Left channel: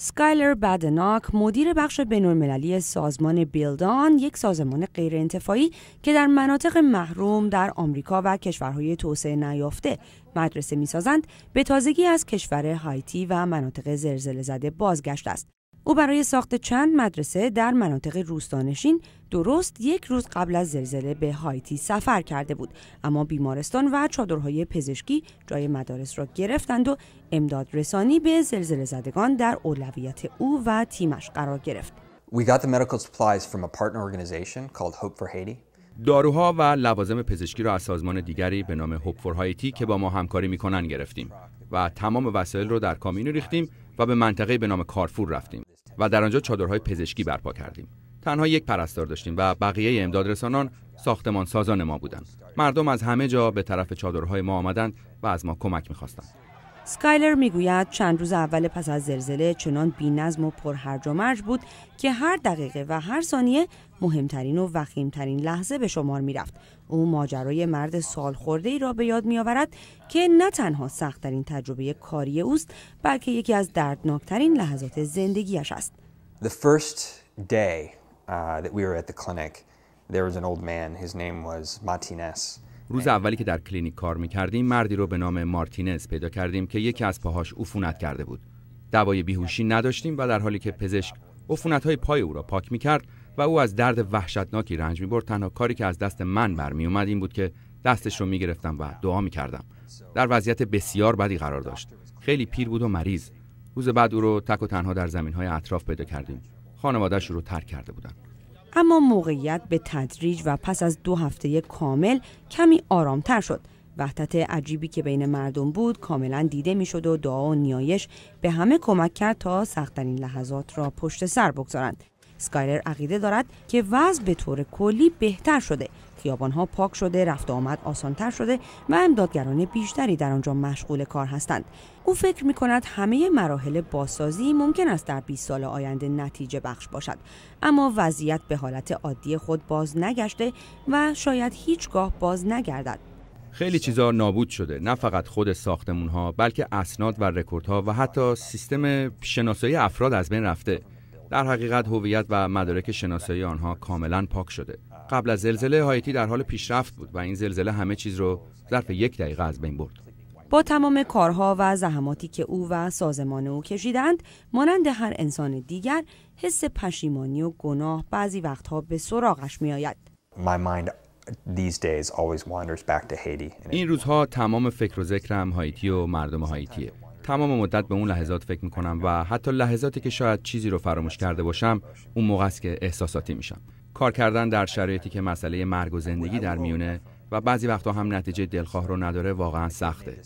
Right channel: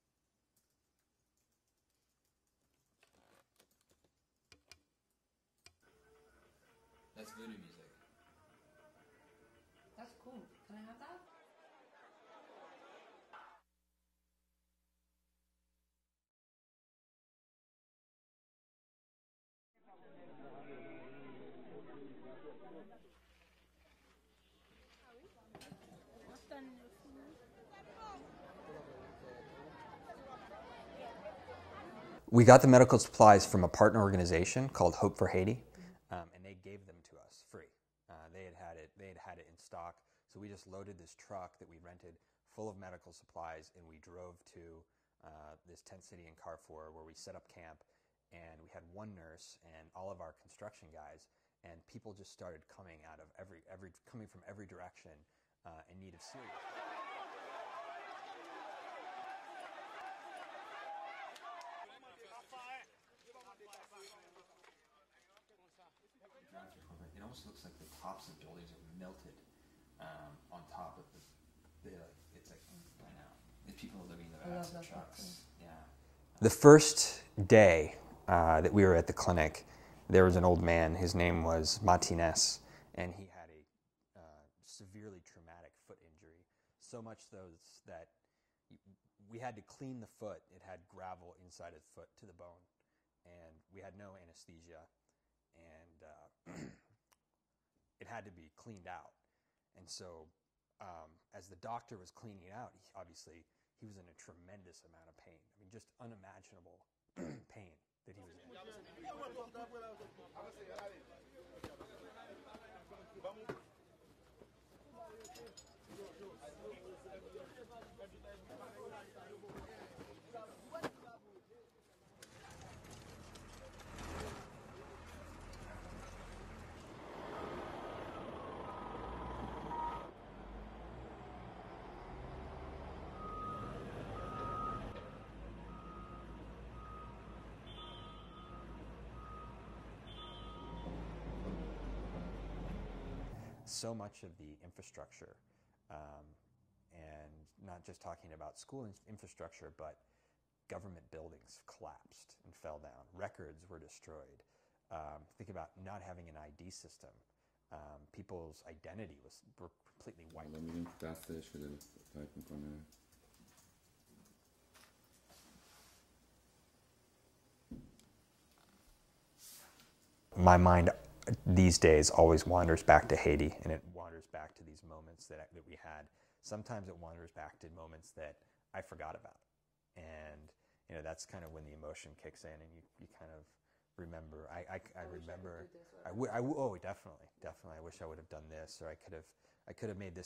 اسکایلر بدناک، مدیر بخش بین‌المللی سازمان بیلدان، یک سازمان غیرانتفاعی که در مناطق محروم در آمریکا و کشورهای توسعه نیافته مدرسه می‌سازند، به تازگی از کشور هایتی و مناطق زلزله زده بازگشته است. او برای ساخت چند مدرسه در مناطق روستانشین درست یک روز قبل از زلزله به هایتی سفر کرده بود، اما بیمارستان و چادرهای پزشکی جای مدارس را گرفتند و امداد رسانی به زلزله زدگان در اولویت او و تیمش قرار گرفت. We got the medical supplies from a partner organization called Hope for Haiti. داروها و لوازم پزشکی را از سازمان دیگری به نام هوپ فور هایتی که با ما همکاری می‌کنند گرفتیم و تمام وسایل رو در کامیون ریختیم و به منطقه‌ای به نام کارفور رفتیم و در آنجا چادرهای پزشکی برپا کردیم. تنها یک پرستار داشتیم و بقیه امداد رسانان ساختمان سازان ما بودند. مردم از همه جا به طرف چادرهای ما آمدند و از ما کمک می‌خواستند. اسکایلر میگوید چند روز اول پس از زلزله چنان بی‌نظم و پرهرج و مرج بود که هر دقیقه و هر ثانیه مهمترین و وخیمترین لحظه به شمار میرفت. او ماجرای مرد سالخورده‌ای را به یاد میآورد که نه تنها سخت‌ترین تجربه کاری اوست، بلکه یکی از دردناکترین لحظات زندگیش است. The first day that we were at the clinic, there was an old man. His name was Martinez. روز اولی که در کلینیک کار می‌کردیم، مردی رو به نام مارتینز پیدا کردیم که یکی از پاهاش عفونت کرده بود. دوای بیهوشی نداشتیم و در حالی که پزشک عفونت‌های پای او را پاک می‌کرد و او از درد وحشتناکی رنج می‌برد، تنها کاری که از دست من برمی‌آمد این بود که دستش رو می‌گرفتم و دعا می‌کردم. در وضعیت بسیار بدی قرار داشت. خیلی پیر بود و مریض. روز بعد او رو تک و تنها در زمین‌های اطراف پیدا کردیم. خانواده‌اش رو ترک کرده بودند. اما موقعیت به تدریج و پس از 2 هفته کامل کمی آرامتر شد. وحدت عجیبی که بین مردم بود کاملا دیده میشد و دعا و نیایش به همه کمک کرد تا سخت‌ترین لحظات را پشت سر بگذارند. اسکایلر عقیده دارد که وضع به طور کلی بهتر شده. خیابان‌ها پاک شده، رفت و آمد آسان‌تر شده و امدادگران بیشتری در آنجا مشغول کار هستند. او فکر می‌کند همه مراحل بازسازی ممکن است در 20 سال آینده نتیجه بخش باشد، اما وضعیت به حالت عادی خود باز نگشته و شاید هیچگاه باز نگردد. خیلی چیزا نابود شده، نه فقط خود ساختمان‌ها، بلکه اسناد و رکوردها و حتی سیستم شناسایی افراد از بین رفته. در حقیقت هویت و مدارک شناسایی آنها کاملا پاک شده. قبل از زلزله هایتی در حال پیشرفت بود و این زلزله همه چیز رو ظرف 1 دقیقه از بین برد. با تمام کارها و زحماتی که او و سازمان او کشیدند، مانند هر انسان دیگر، حس پشیمانی و گناه بعضی وقتها به سراغش می‌آید. My mind these days always wanders back to Haiti. این روزها تمام فکر و ذکرم هایتی و مردم هایتیه. تمام مدت به اون لحظات فکر میکنم و حتی لحظاتی که شاید چیزی رو فراموش کرده باشم، اون موقع است که احساساتی میشم. کار کردن در شرایطی که مسئله مرگ و زندگی در میونه و بعضی وقتا هم نتیجه دلخواه رو نداره واقعا سخته.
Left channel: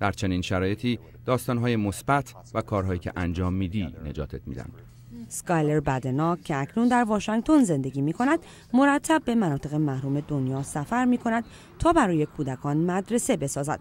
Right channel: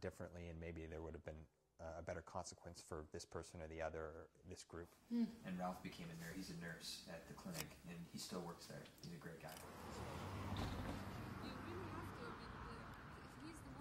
در چنین شرایطی داستان‌های مثبت و کارهایی که انجام میدی نجاتت میدن. اسکایلر بدناک که اکنون در واشنگتن زندگی می‌کند، مرتب به مناطق محروم دنیا سفر می‌کند تا برای کودکان مدرسه بسازد.